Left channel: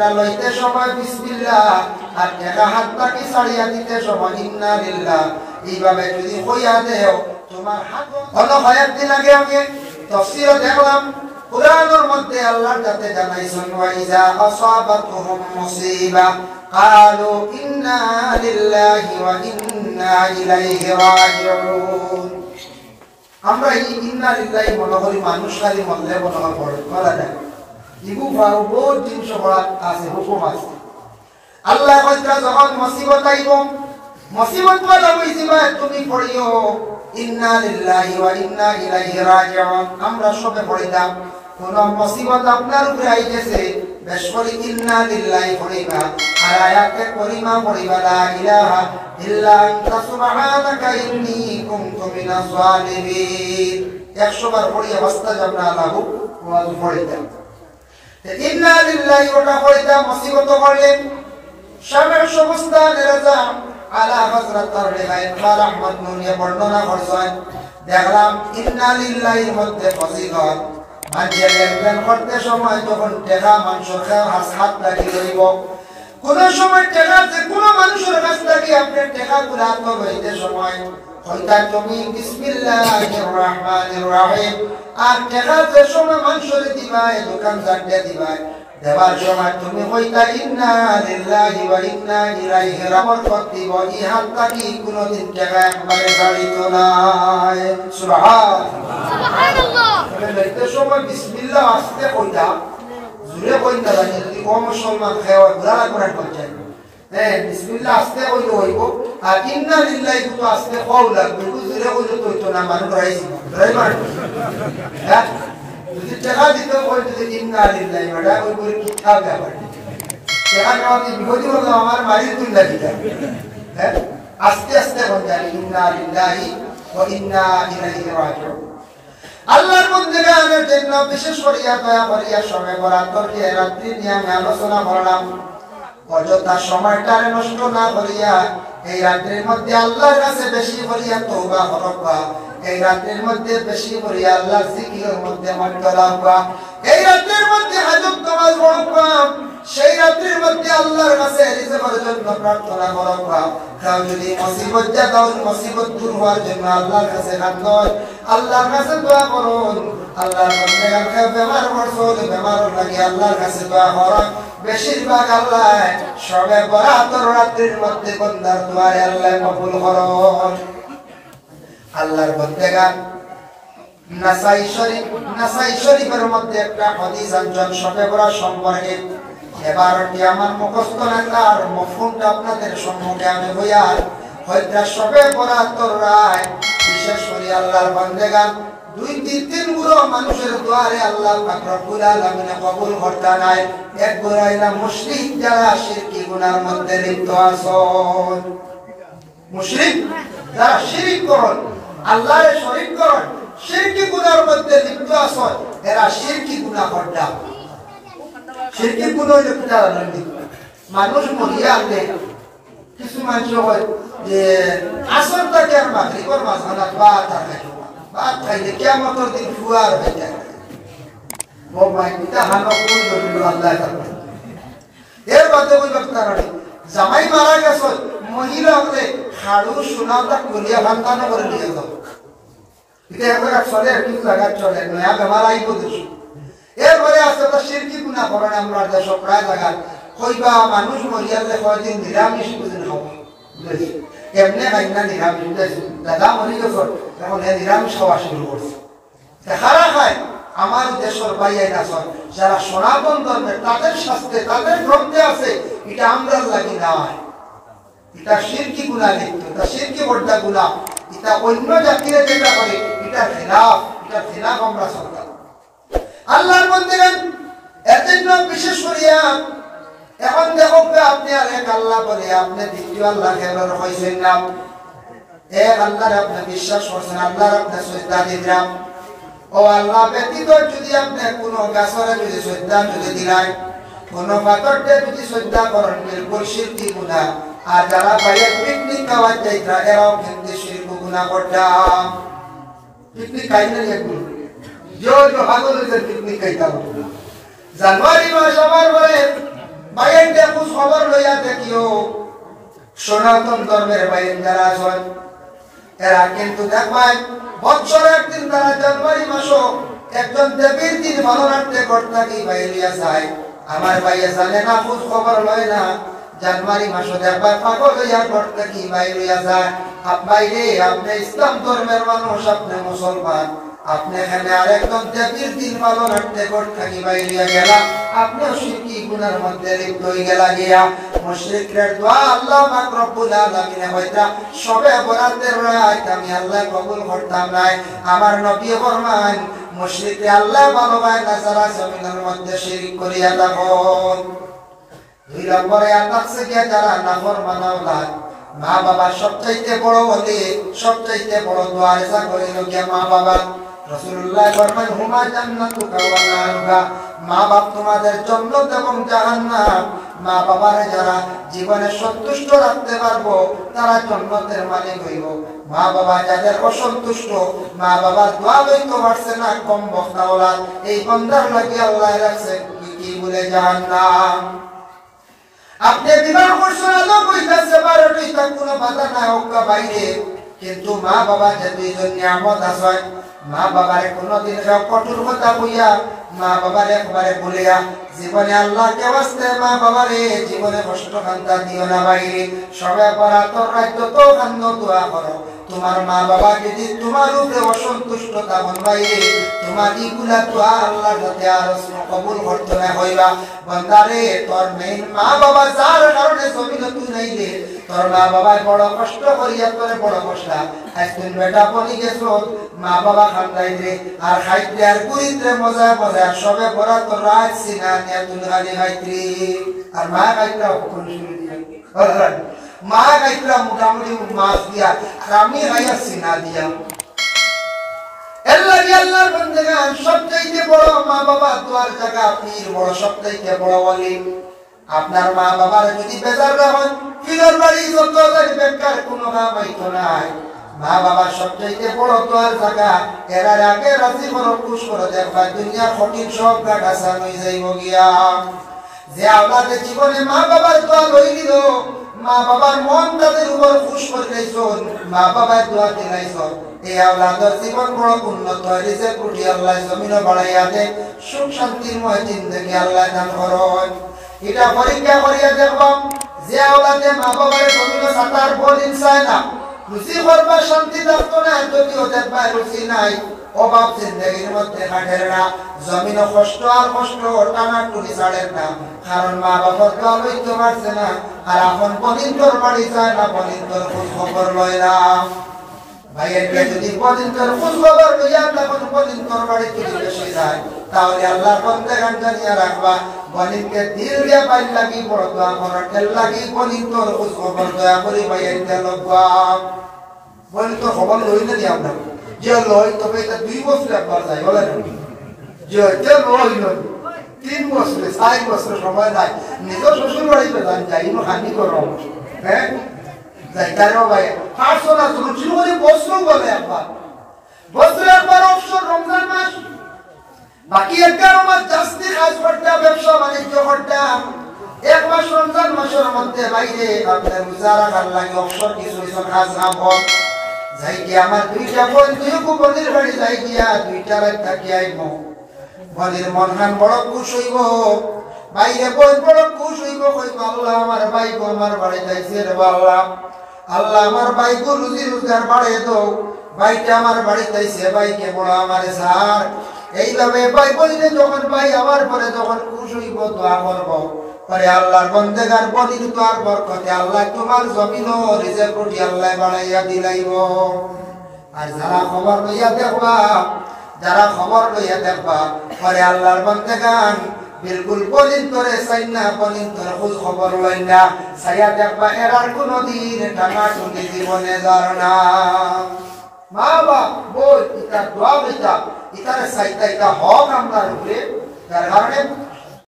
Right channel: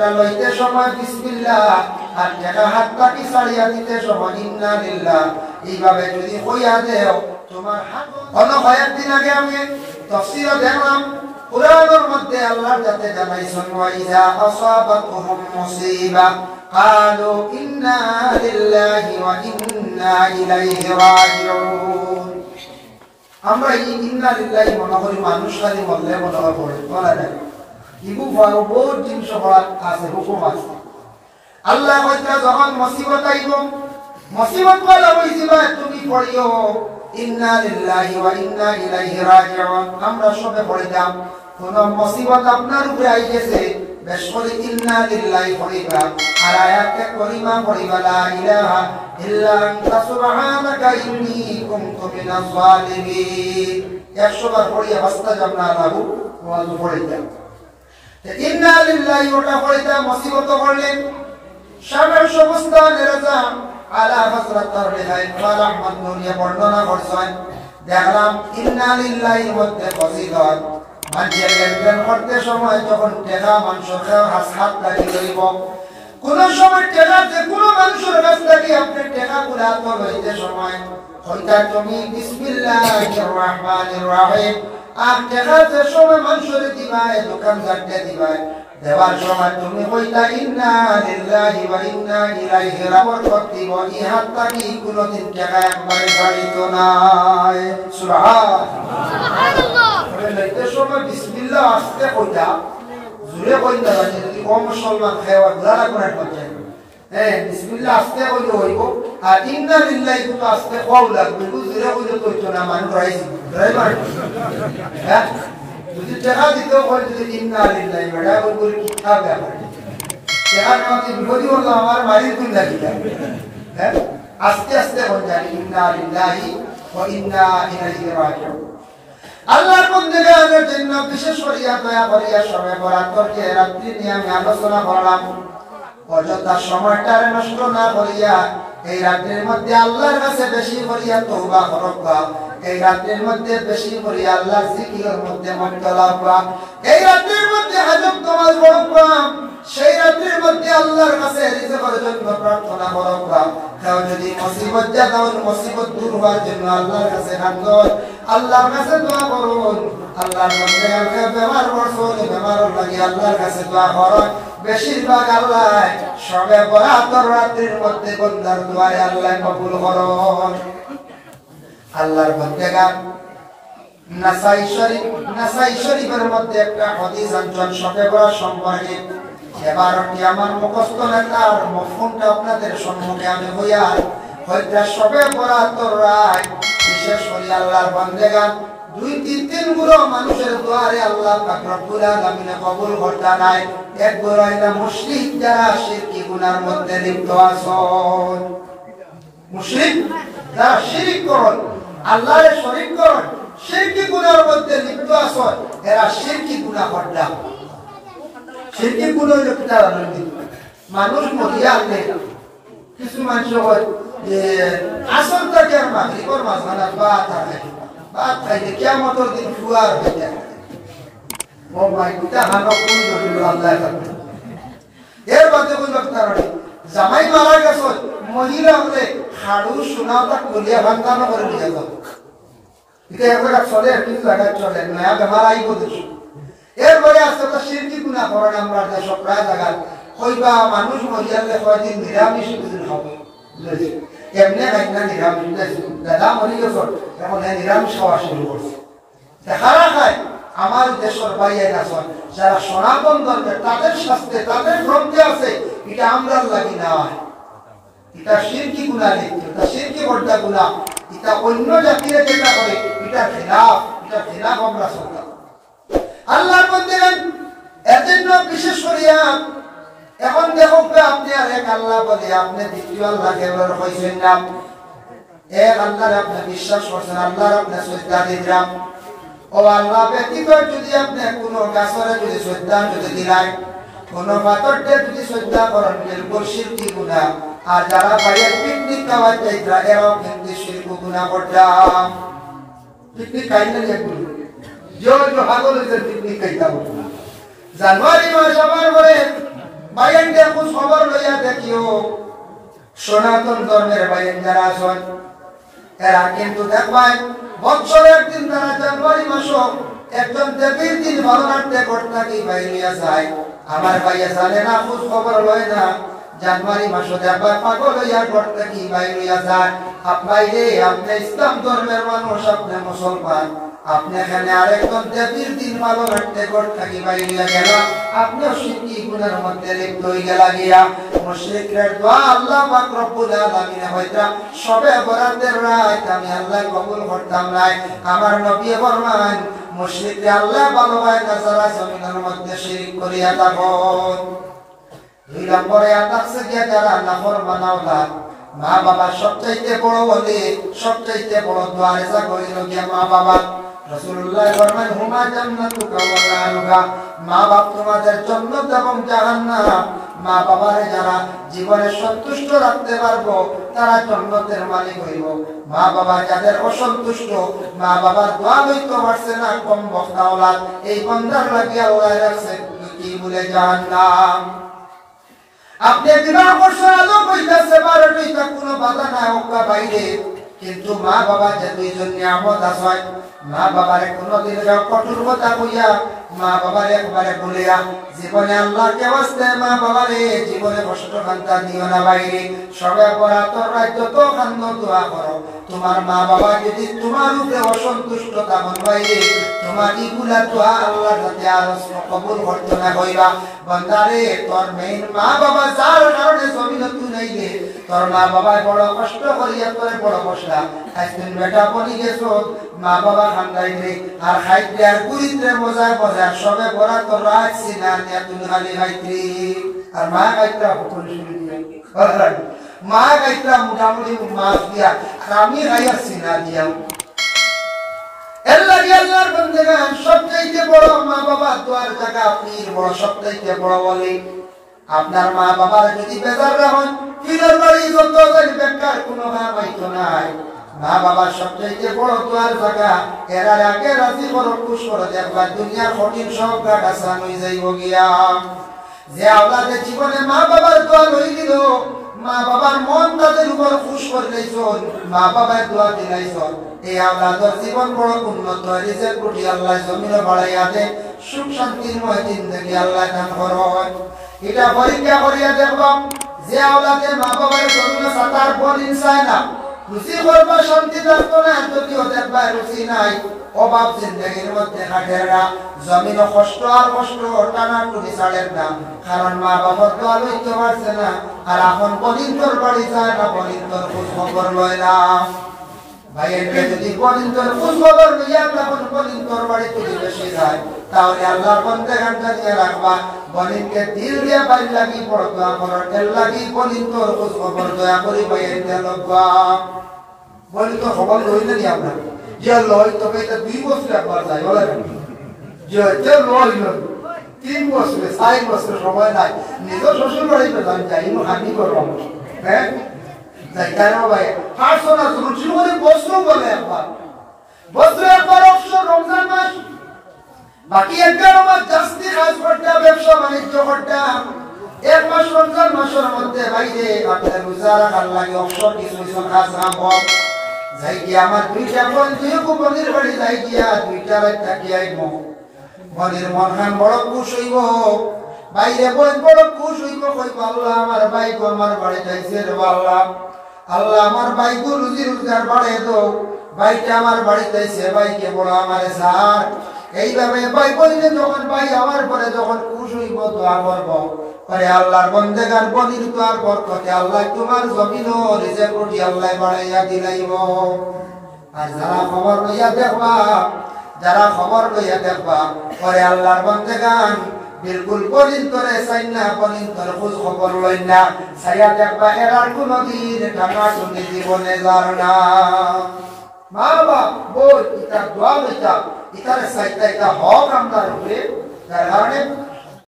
টাকাটা লইতে সময় বিসমিল্লাহ আর টাকা হাত পাকি ছাড়িয়া দিতে সময় ইন্না লিল্লাহ এইভাবে যদি কইয়া দেও তোমার হাত অন্য কয়েকদিন আগে আমি তাফসীরে দেখলাম কুরআনের মধ্যে আল্লাহ যাতে জানাইছেন ওয়া ইযা আসাবাতুহুম মুসিবা ক্বালু ইন্না লিল্লাহি ওয়া ইন্না ইলাইহি রাজিউন। আমরা এই ইন্না লিল্লাহি মনে করি মানুষ খালি বললে মনে হয় বলা যায় ইবু বহুত জিনিস আছে হুকুম আছে। আল্লাহ কইতা যখন মুসিবত আইব মুসিবত বলা হইছিল তুমি পড়িও ইন্না লিল্লাহি ওয়া ইন্না ইলাইহি রাজিউন। আমরা সবে পড়িতাম কোন মুসিবত আপনার উপরে আইছে বেশ করে ইন্না লিল্লাহি পড়িবা আর আয়াতে করিমা পড়িবা লা ইলাহা ইল্লা আনতা সুবহানাকা ইন্নী কুনতু মিনাজ জালিমিন। 100 বার পড়িয়া বাস্তাজাবনা লাহু ওয়া পড়িতাম ইন্না লিল্লাহি ওটা পড়িতাম। মুসিবত করলেন শামের সমস্ত নেরাজা আলা হযরত রিহায়াত রাহমাত নুরিয়া বর্ণনা করছেন। দেখলাম ইন্না লিল্লাহির মধ্যে ফজিলত মাঝে লেনদেন করতে সময় যখন টাকা মাংস খাওয়া হাত লাগিয়ে লইব কোন সময় টাকা যে কোন মানুষের কাছ থেকে আপনি টাকা গুলা তো লইতে সময় হইতা তুমি বিসমিল্লাহির রহমানির রহিম আর টাকা যে সময় মানুষের দিবাই দোকানদার দিবাই দেবার সময় তুমি কইতা ইন্না লিল্লাহি ওয়া ইন্না ইলাইহি রাজিউন দিব ইহাত তাকি কোনদিন টাকা একবারে গাড়িত নাই। সুবহানাল্লাহ। লইতে সময় বিসমিল্লাহ আসতে কইতা জুরে কইতা জানি যদি কম মুসলমান খাওয়া যারা করে করছে বিসমিল্লাহ আসতে কইলে হইব আর ইন্না লিল্লাহি তো আসতে কও লাগবে জুরে কইলে কইতো না মানুষ রাইছি ড্রাইভার হ্যাঁ যদি টাকা দিতে হয় যদি ইন্না লিল্লাহি বড়া ওই করে কি খাবে টাকা নাকি বিরোধী হলো আমার মারি তুই লাগি হ্যাঁ আস্তে আস্তে হয়ে যায় ইন্না লিল্লাহি ওয়া ইন্না ইলাইহি রাজিউন। আল্লাহর বন্দেগানের জন্য বিশেষ করিয়া দয়া করিয়া সবে বরাতর যে রাত্রি নিয়ে আমি আলোচনা করলাম অযথা সময়টা নষ্ট না করিয়া এই রাত্রির মধ্যে আল্লাহর কাছে বেশি করিয়া তওবা করবা এই রাত্রির মধ্যে বেশি করিয়া আল্লাহর জিকিরের মধ্যে মগ্ন হবা এই রাত্রির মধ্যে হাজত নামাজ পড়বা সেই রাত্রির মধ্যে আল্লাহর কাছে রিজকের জন্য প্রার্থনা করবা। কেউ যদি মুসিবত জাগাও মুসিবত দূর হওয়ার জন্য আল্লাহর কাছে কাঁদুন আল্লাহর কাছে দোয়া করুন। আল্লাহর বান্দাকে বেমার পড়ছুন বেমার লাগি আল্লাহর কাছে দোয়া করুন। বেশিরভাগ আল্লাহ সবে বরাতর রাত্রির মধ্যে বান্দার দোয়া আল্লাহ কবুল করুন। আল্লাহর বান্দাগান নাসাই শরীফের মধ্যে একটা হাদিস আনছেন সবে বরাত সম্পর্কে। এবারটি আমার মুখস্থ নেতার মফহুমটা আপনাদের সম্মুখে আমি বইয়ার হয়তো সবে বরাতর রাত বিশেষ করে আল্লাহর বান্দাগান 2-3 গুলো মানুষের দোয়ারে আল্লাহ পাক রব্বুল আলামিন কবুল করতে নাই। এক গুলো এরা মুশরিক যারা শিরকি গুনার মধ্যে লিপ্ত আছেন। মুশরিক যারা শিরক করেন আল্লাহর শরীক করেন শিরকি গুনার মধ্যে লিপ্ত আছেন এরা শিরকি গুনাহ করতে শিরকি গুনাহ লিপ্ত আছেন। মানুষ মরিয়া আনলে কিছু মানুষ হয় যে আসল থেকে মাগরিবের মাঝখানে বাত থাকে বাত খাইলে কিয়ামতের দিন ফুয়ার হয়ে যায় ও মাই পিতা হানো কোন দলিল আল্লাহ করবে এর মধ্যে ওই কারণে জামাই মারা গেছে মহিলা হলে খাড়ু সোনাটা কলিয়া ভান্তানো করে নিয়ে যাও এটা একবার চলে একটু জায়গা চলে নয়া বেমার আইব দেখি এরপরে আস্তে আস্তে শিরকি গুনাহ করেন আমরা দেশ প্রায় জায়গা কইবা মানুষ মরিয়ালে কয়দিন নিরামিষ বুঝুন হবে বুঝেছি এমনি খাইনা নিরামিষ বুঝেছি দাদা মরি গেছে এখন নিরামিষ খাওয়া শুরু করছে খারা খায় আমার দেশের বাইরে আছে যারা সনাতন ধর্মের তাদের শাস্ত্রে তাদের গ্রন্থে আছে এটা আমরা লাগি না এটা শিরকি গুনাহ লিপ্ত এটা শিরকি বড় গুনাহ এটা অন্য জাতিরা যেটা করে এটা খিলাফ আমরা চলতাম আল্লাহর বান্দাগণ এজন্য বিশেষ করিয়া এখন দেখো আপনি আর এক আল্লাহ বলে আপনি দ্বিতীয় আল্লাহ কেবল হইছেন না এক আল্লাহর আপনি বিশ্বাস করছেন আল্লাহর আপনি শ্রদ্ধা দিলেন ও আল্লাহ ব্যতীত যদি আপনি কোনো গাছরে যদি শ্রদ্ধা যদি দিলেন কোনো পাথরকে যদি শ্রদ্ধা করেন বিলকুল শিরকি গুনাহ আর যারা বাইরে পিকনিক খাওয়া যাইতা এরাও কিন্তু শিরকি গুনাহ করতাম পিকনিক খাইলে একগুলো जो हागल पिकनिक खाইতাম জানুয়ারি মাস আমার বলে বাইরে খোঁজ খবর লইয়া দেখিও সনাতন ধর্মের বাইরে যারা আছেন এরা কিন্তু দেখবেন বছর একদিন তারা জানুয়ারি মাসও একজন দেবীর দিন ভালো রাখতে করতে কি বাইরিয়া যায় আমার ভাইয়া জানে না খোঁজ খবর লয় না জানুয়ারি মাসে দেখবা পাগল হইয়া করতে কি বাইরিয়া যায় বাইরে আপনি ইসলাম ধর্মের মানুষ আপনি মুসলমান আপনি এখানে আরেকজন দেবীর দিন ভালো রাখতে করতে কি বাইরিয়া গেলা আপনিও শিরকি গুনার মধ্যে লিপ্ত হয়ে গেলা গিয়া মুশরিকদের দোয়া আল্লাহ পাক রব্বুল আলামিন হইতা সবে বরাতের রাত আমি আল্লাহ কবুল করতাম নাই আমার নবী ফরমান মুশরিকরা আল্লাহ ভালো হয় না যারা জমিনের মধ্যে শিরক করিয়া থাকুন দুই নম্বরে আতাকছে গিয়া যারা নাফরমান আওলাদ মা বাবা সবচাইতে বড় বলি সবচাইতে বড় দোয়া এসা করিল গিয়া মা বাবা রাসূলুল্লাহ ফরমান হুমা জান্নাতুকা ওয়া নারুকা মা বাপ তোমাদের জান্নাত এবং জাহান্নাম মা বাবার যারা জীবনে সন্তুষ্ট রাখতে পারবো তারা জান্নাতের মালিক হইব মা বাবা যাদের অসন্তুষ্ট মা বাবার দোয়া লইতে পারছে না কম বক্তা ওলাদ এই বান্দার লাগি আল্লাহ রাখছে কি বলে জাহান্নাম আপনি বিবাহ করছেন আলো কইতাছে 12টি তা কোনো বাধা নাই ওকা বাইরে কিন্তু মা বাবা যে দুইজন নিয়ামত আছে মা বাবার কোনদিন কঠোর কথা কইয়া মা বাবার একবারে ভুলিয়া জীবনে আল্লাহকে ওয়াস্তে মা বাবারে জীবনে কষ্ট কান্তা দিও না বাইরে সবে পড়া তোর রাজ্য তো কান্দ দোয়া করো তোমার মা বাবা যদি তোমার উপরে অসন্তুষ্ট থাকেন বাইরে তোমার ইগুলা দোয়া আল্লাহ যাতে আরজ কবুল করতে না হইবা বান্দারে তোর মেইন মা বাবা যার কারণে জমিনে তুই নাই রে তোর মা বাবা বড় কষ্ট করিয়া তোরে বড় কষ্ট আজদিন বেটা বলি গেছো মা বাবা খান্দাই রে আর খাইতে আর কুইতে মজা মজা সবে বড় তো রাখছি না নিয়া তুই হালি হাইতি আর মা কাইটা হুকুম শুনে দিয়ে মা কাইটা মোটামুটি মাছ দিয়া আর আমি খাইয়াছি না দিয়া আল্লাহর বান্দাগান সবচেয়ে বড় মা বাবা দোয়ার জায়গা পীর বড় সবচেয়ে বড় ওলি আপনার মা বাবার যদি বেজার না হয় পীরের বাড়ি যত বেকার কোনো দাম হইতো নাই মা বাবা সবচেয়ে বড় দোয়ার জায়গা এর আগে রাজি করো খুশ করে দেখবা দুনিয়া কঠিন সব গাছ আসান হয়ে যাইব গিয়া যে আপনাদের জীবনে মা বাবার দোয়া হয়ে গেল মা বাবার মন তাদের উপর খুশ করে দিয়েছেন মা বাবার দোয়া দিলাইছেন এই আওলাদের জীবন বড় উন্নত হয়েছে কোটি আল্লাহ জমিন বাড়াইয়া দে সুখ শান্তির ময় জিন্দগি আল্লাহ দান করুন এটা পরীক্ষা করিয়া দেখব যে আওলাদে মা বাবার জমিন সাতার বলিন চায় না খুশি করবা শান্তি থাকতো না যদিও দেখবা রুচি নাই অভাব জিন্দগির মধ্যে থাকেন না জমিন কষ্ট আর কষ্ট টানা টুনি ছাড়েন না কারণ মা বাবার দোয়া লইতে পারছে না আর এখন বলিন তোর বাড়ি যায় না বলিন তোর খোঁজ খবর লয় না ভাইয়েরকে যদি বলিন তোর খোঁজ খবর লইয়া তখন বলিন তোর বাড়ি তুলি বেশি যায় তাহলে আল্লাহর বান্দাগান জানিয়ে রাখবা বলিনকে দিল দিয়া বাইর লাগি বড় দোয়া করার তেল লাগি বলিন তোর খোঁজ খবর দয়া করি ভাইয়েরকে লগবা বলিন তোর খবর লই না দিয়া আপনার যে লয় তবে এটা 2 বছর একবার যায় বলে যে লয় 3 বছর 4 বছর সময় নাই নিজের শ্বশুর বাড়িতে যান যাই হানি করো হ্যাঁ যাই কেন ভাই 500 না রুচি করে বছর বলে একবার বছরে একবার অবসর রমজান মাস বাকি 11 মাস জাস্তি কাজ করতে ব্যবসা বাণিজ্য করতে এক মাস রমজান মাসের মধ্যে বাইরে আপনার রোজা রাখার লাগে অবসর কিছু কাজ না হয় যাই কি আমার দুইটা বল দুই বলির বাড়ি যাই গিয়া দুইটা রাত থাকি আইবো বলির মনখান বড় খুশ হইব বাইরে বল বড় খুশ হইব কই আল্লাহ আমার ভাই গো আমার বাড়ি যাইছে রে আল্লাহ আল্লাহ আমার ভাই গো রুজি রোজগার বাড়ে দাও ভাইটা আমার বাড়ি যাইছে ভাইকে বড় আমার সার এইভাবে ভাই বলিলে যখন ভাই আমার পরে যখন খুশ হইব দোয়া করব পরে আল্লাহর বান্দাগান বলির দোয়ার বরকতে আল্লাহ তোমার জমিন ও রিজিক কোটি আল্লাহ বাড়াইয়া দিলাইব আর যারা খবর লইয়া দেখবা পরে আল্লাহর বান্দাগান বিলকুল বলিন তোরে চাই না বলিন তোর খোঁজ খবর লই না চাইয়া দেখবা এরার কোনদিন টাকা টুনি জীবনে যার না মা বাবা বল ইটা দোয়া লইতা ইটার চাইতা এটা হক আমরা রূপে যার কারণে